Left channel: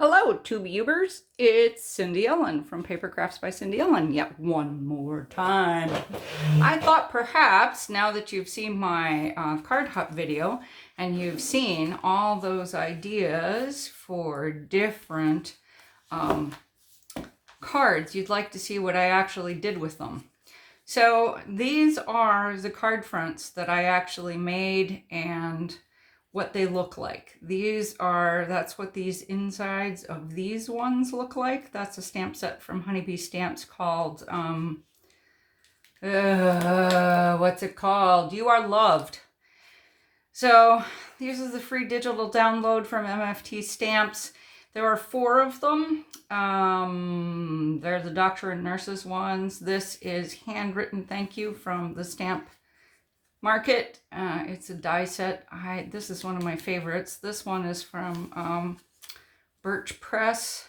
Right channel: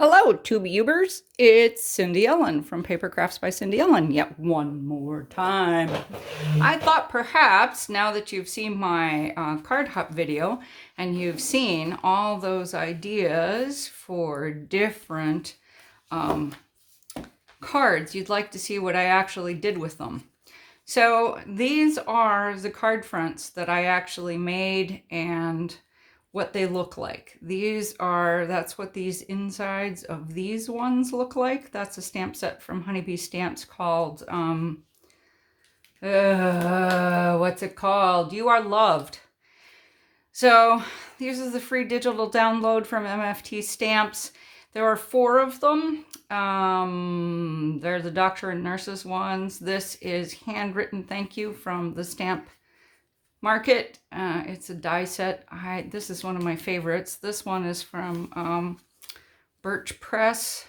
Hello, Tububers. It's Cindy Ellen from Paper Crafts by Cindy Ellen. Yet one more time. I thought perhaps now that you've seen my card hop video and you've seen all those ideas for different cards, you'd like to see what I actually did with them. So these are the card fronts that I actually made and what they look like. That's what these insides of these ones look like. That's a stamp set from Honeybee Stamps called, what's it called? You Are Loved. So these are the free digital download from MFT Stamps. There are 4 of them. They're the doctor and nurses ones. This is handwritten thank you from the Stamp Market. It's a die set. This is one of my favorites. This one is from Birch Press.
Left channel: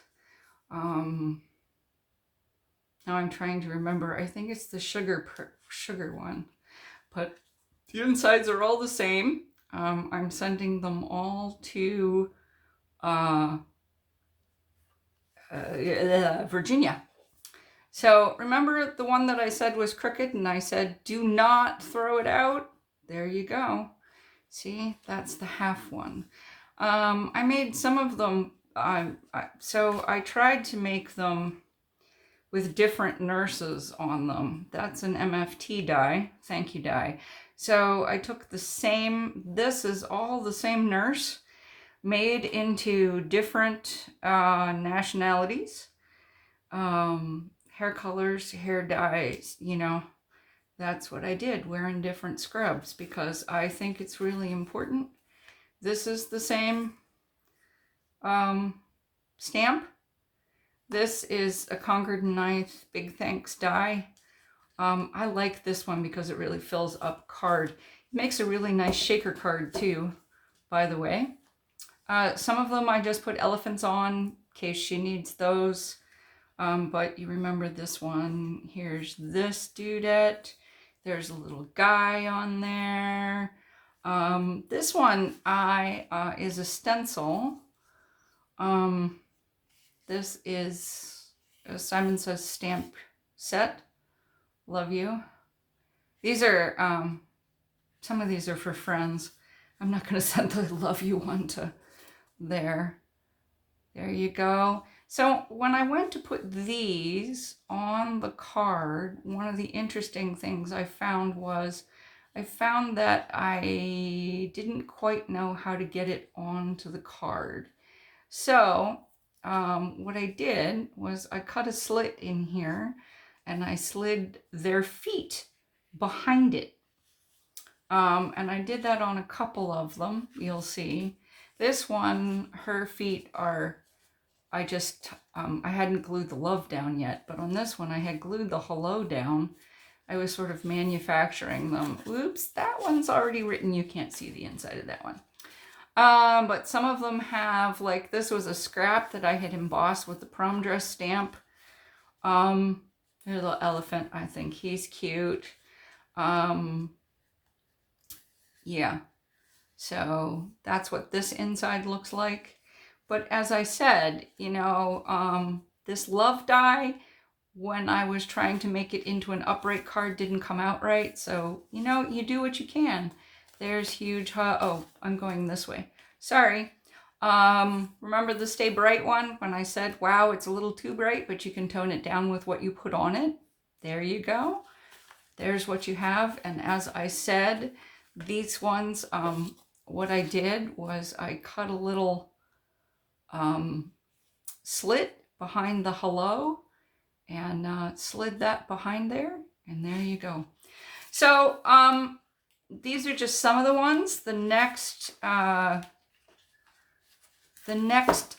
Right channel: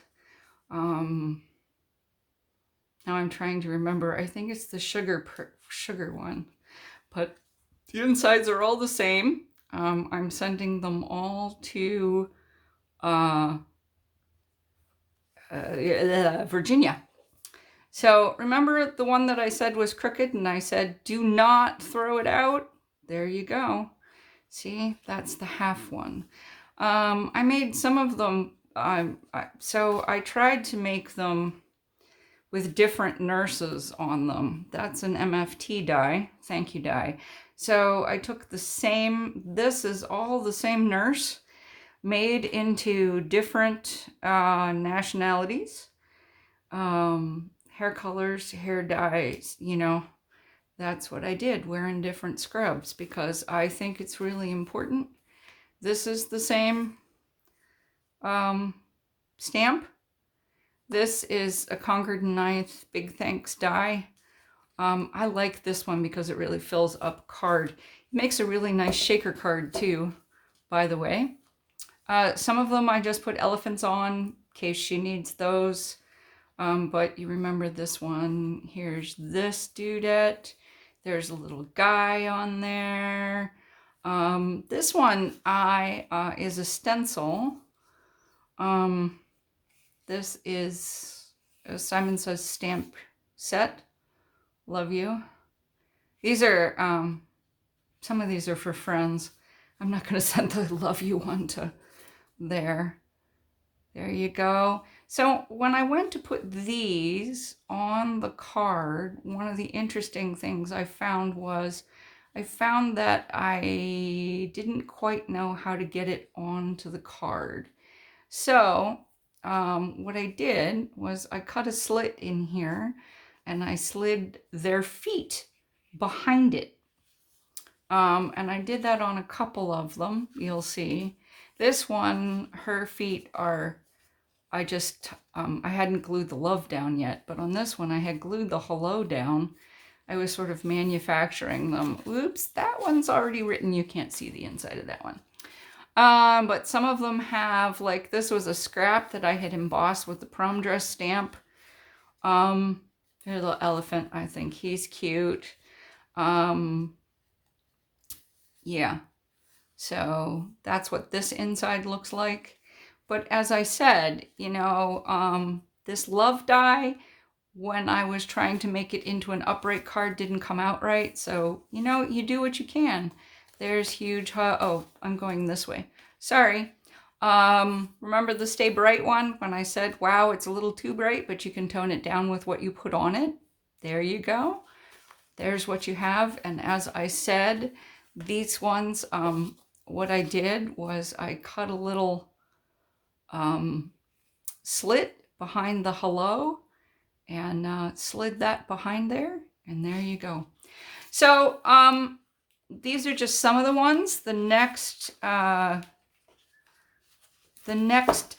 Now I'm trying to remember. I think it's the sugar one, but the insides are all the same. I'm sending them all to Virginia. So remember the one that I said was crooked and I said, do not throw it out? There you go. See, that's the half one. I made some of them, so I tried to make them with different nurses on them. That's an MFT die, thank you die. So I took the same, this is all the same nurse, made into different nationalities, hair colors, hair dyes, that's what I did, wearing different scrubs, because I think it's really important. This is the same stamp. This is a Concord 9th Big Thanks die. I like this one because it really fills up card. It makes a really nice shaker card too, by the way. Some of them I just put elephants on in case she needs those. But you remember this one. Here's this dudette. There's a little guy on there. This one is a stencil. This is a Simon Says stamp set. Love you. These are, some of these are for friends. I'm not going to send the love you one to there. There you go. So when I went to put these on the card, one of the interesting things I found was that I didn't quite know how to get it onto the card. So what I did was I cut a slit in here and I slid their feet behind it. And I did that on a couple of them, you'll see. This one, her feet are, I hadn't glued the love down yet, but on this one I had glued the hello down. I was sort of manufacturing them. Oops, that one's already written. You can't see the inside of that one. But some of them have, like this was a scrap that I had embossed with the prom dress stamp. There's a little elephant. I think he's cute. Yeah. So that's what this inside looks like. But as I said, this love die, when I was trying to make it into an upright card, didn't come out right. So, you do what you can. There's huge, oh, I'm going this way. Sorry. Remember the Stay Bright one when I said, wow, it's a little too bright, but you can tone it down with what you put on it. There you go. There's what you have. And as I said, these ones, what I did was I cut a little slit behind the hello and slid that behind there. And there you go. So these are just some of the ones. The next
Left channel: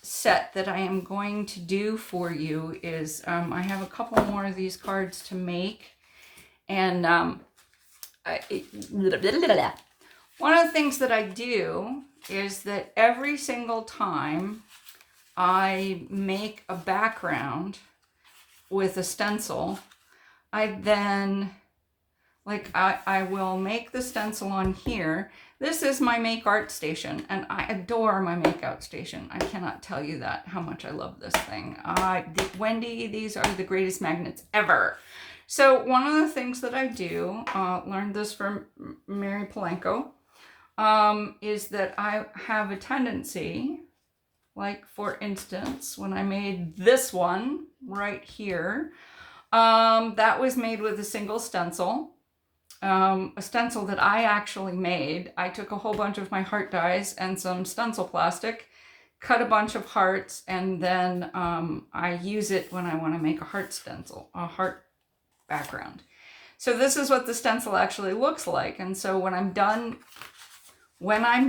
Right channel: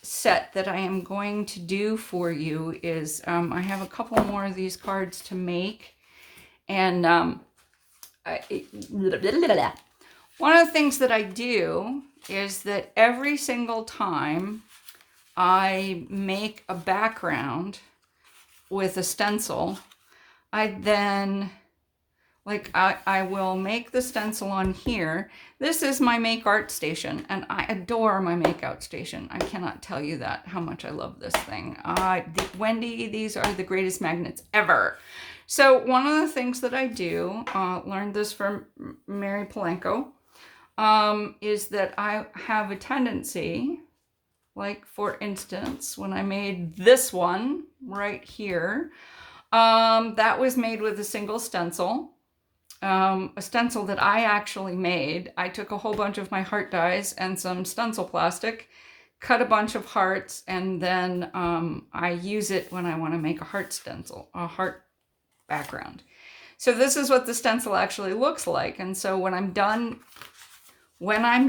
set that I am going to do for you is I have a couple more of these cards to make. And one of the things that I do is that every single time I make a background with a stencil, I then, Like I will make the stencil on here. This is my Make Art Station, and I adore my Make Out Station. I cannot tell you that, how much I love this thing. Wendy, these are the greatest magnets ever. So one of the things that I do, learned this from Mary Polanco, is that I have a tendency, like for instance, when I made this one right here, that was made with a single stencil. A stencil that I actually made. I took a whole bunch of my heart dies and some stencil plastic, cut a bunch of hearts, and then I use it when I want to make a heart stencil, a heart background. So this is what the stencil actually looks like. And so when I'm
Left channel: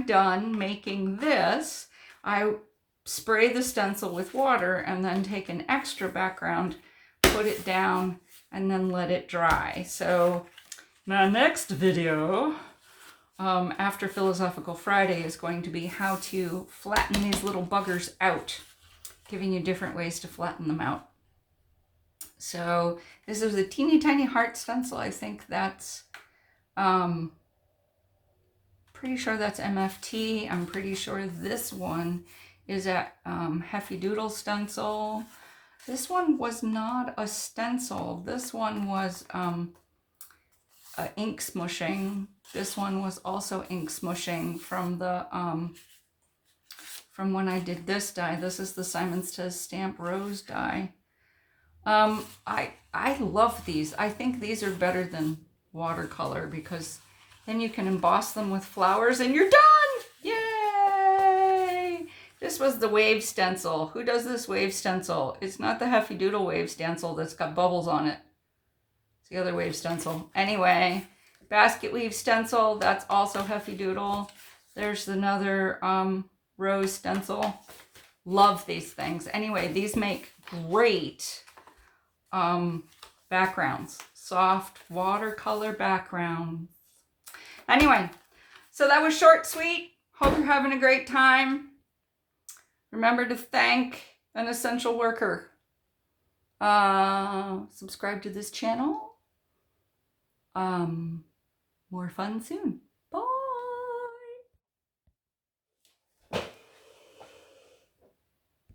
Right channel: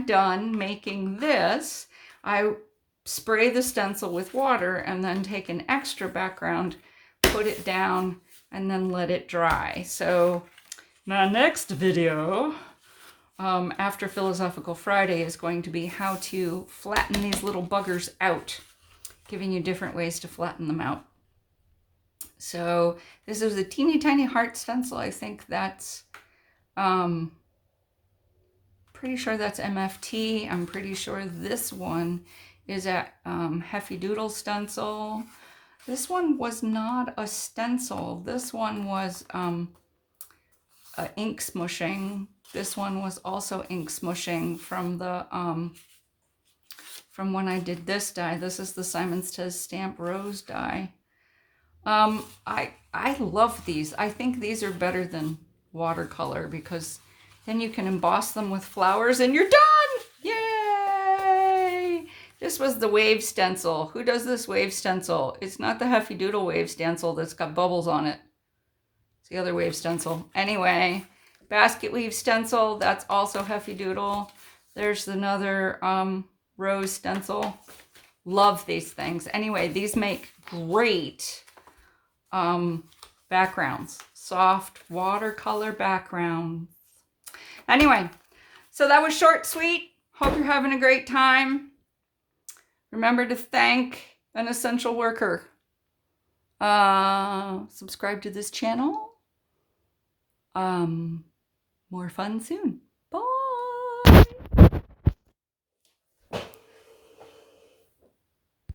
done making this, I spray the stencil with water and then take an extra background, put it down, and then let it dry. So my next video after Philosophical Friday is going to be how to flatten these little buggers out, giving you different ways to flatten them out. So this is a teeny tiny heart stencil. I think that's, pretty sure that's MFT. I'm pretty sure this one is a Heffy Doodle stencil. This one was not a stencil. This one was ink smushing. This one was also ink smushing from the from when I did this die. This is the Simon Says Stamp Rose die. I love these. I think these are better than watercolor because then you can emboss them with flowers and you're done. Yay! This was the wave stencil. Who does this wave stencil? It's not the Heffy Doodle wave stencil that's got bubbles on it. It's the other wave stencil. Anyway, basket weave stencil, that's also Heffy Doodle. There's another rose stencil. Love these things. Anyway, these make great backgrounds. Soft watercolor backgrounds. Anyway, so that was short, sweet. Hope you're having a great time. Remember to thank an essential worker. Subscribe to this channel. More fun soon.